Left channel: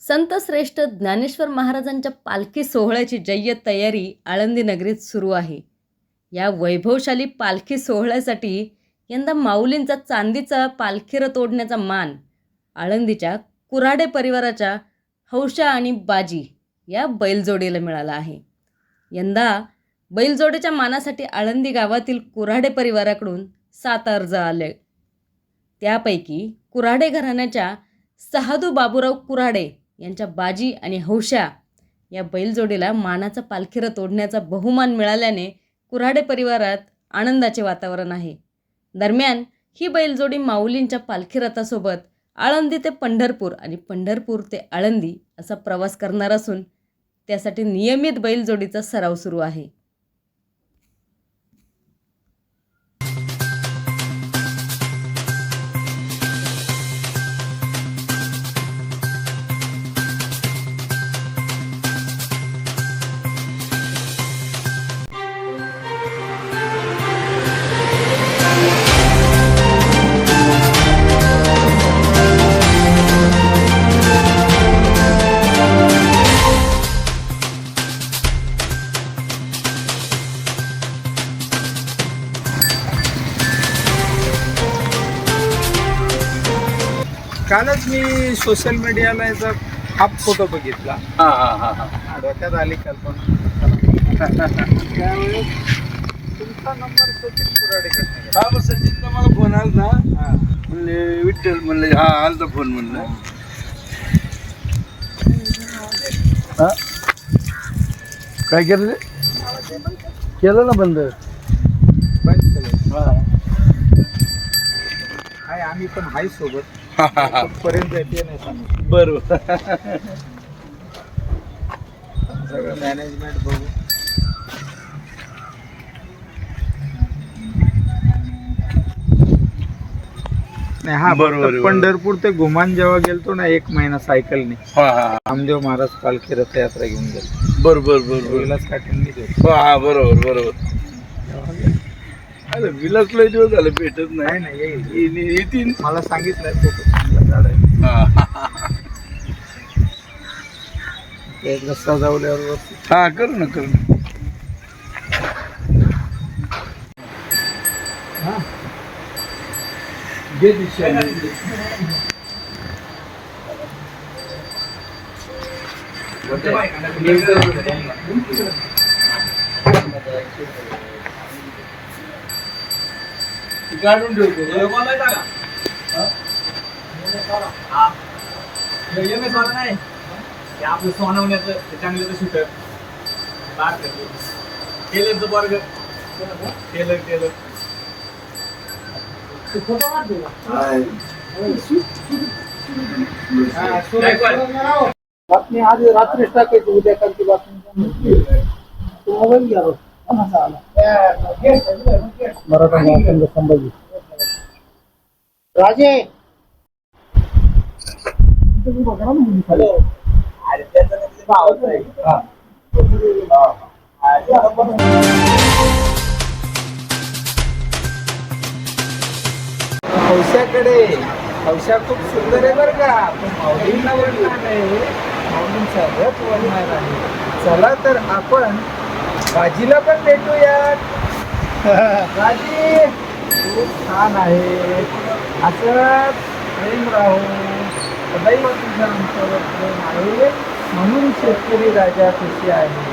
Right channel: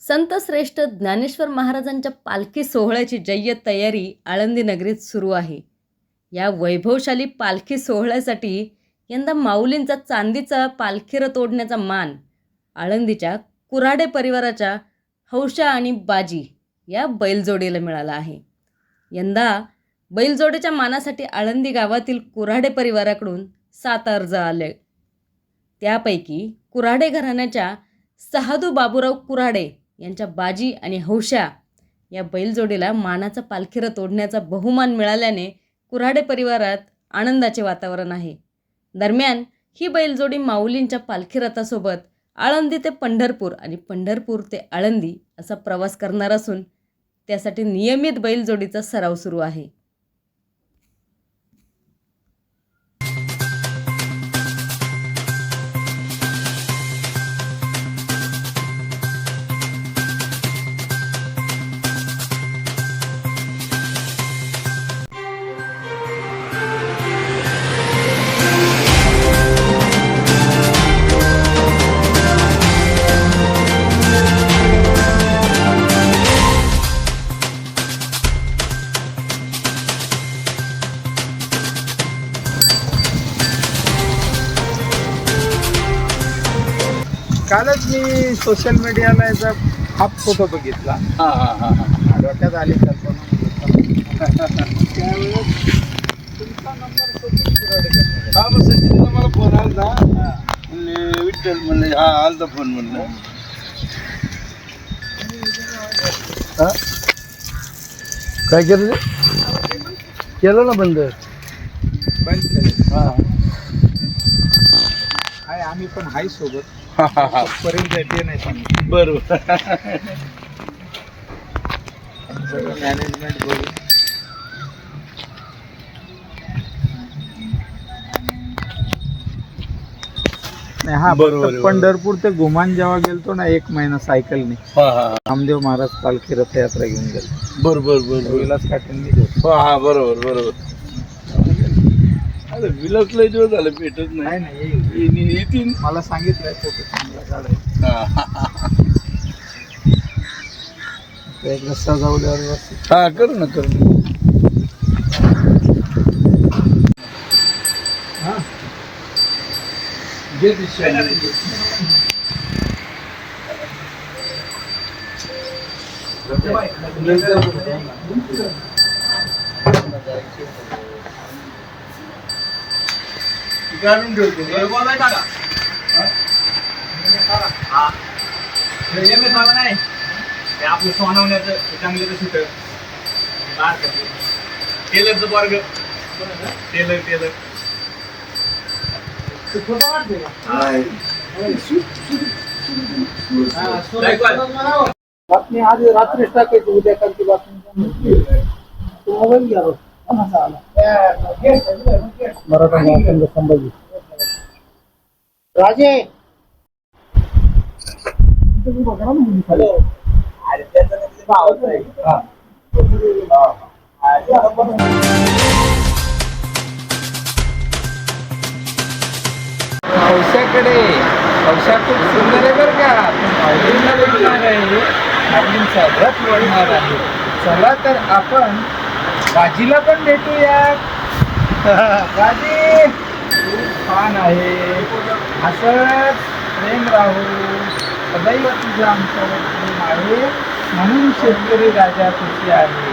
संत श्रेष्ठ ज्ञानेश्वर महाराजांच्या पालखी सोहळ्याची जय्यत तयारी आळंदी नगरीत सुरू आहे. या वैभवशाली पालखी सोहळ्यासाठी यंदा माऊलींचा चांदीचा पालखी तोडण्याचा ओढण्याचा मान आळंदीच्या कुऱ्हाडे परिवाराच्या हौशा आणि बाजी या बैलजोडीला मिळाला आहे. यंदा बैलजोडीच्या मानासाठी आळंदी गावातील कुऱ्हाडे परिवाराकडून सात अर्ज आले. त्यापैकी कुऱ्हाडे घराण्याच्या सहादू बाबूराव कुऱ्हाडे यांच्या बाजी आणि हौशा या बैलजोडीला मानाचा पालखीरत ओढण्याचा बहुमान मिळाल्याने कुऱ्हाडे परिवारात आनंदाचे वातावरण आहे. दरम्यान ही बैलजोडी माऊलींच्या पालखी रथासोबत आळंदी ते पंढरपूर आणि पंढरपूर ते आळंदी असा प्रवास करणार असून त्यासाठी नियमित बैलजोडीचा सराव सुरू आहे. कालच मी सोशल मीडियाला याचा हाफ फोटो बघितला हा हा हा हा डोक्यात आली कल्पना त्यावेळेस तुमचा नंबर सचिन हा मग सचिनला मला फोन आला ना म्हणले विठ्ठल म्हणले हा आलता फोन म्हणलं हा? काय केलं? केलं ना बंद बंद केले हा. हाय आम्ही पण हाय सोबत. पर्यंत येते नाही बरोबर. सगळं मॅनेजमेंट बघू हा बरोबर, बरोबर. पंढरपूर ते घुमान जेव्हा गेलतो ना एक महिना सायकलने. रामदेव महाराज पालखी रथयात्रा घेऊन गेलो. बरोबर बरोबर. विलास काटेंनी घेतो हा हा बरोबर. बरोबर अरे विलासला दिवस झाले भेटत नाही. नाही येईल. येतीन मला सांगितलं तो खूप चांगला झाड आहे. हा. ते एकदा सजवल्यावर व्यवस्थित. हा करू ना करू ना. हा. काढून ठेवतो. आपलं सोनवण्याचं त्याच्यामध्ये शूटर टेलरचं वर्ग टेलर टेलर बातमी आज रात्रीच टाकायची उद्या कालची बातमी. तो मोबाईल घ्या आला? मराठा महासंघ संभाजी राजे हॅलो हौशाकडे हौशा खूप सुंदर आहे बरं का. पण भेटणार आहे माऊलींचा रथ वाढणार आहे. चला तर आपण बाजीला पण भेटूयात. बाजी खूप छान आहे. असंच प्रेम राहू सदैव तुझं आमच्यावर प्रेम आहे. म्हणून शेतकरी राजा खुशी आहे.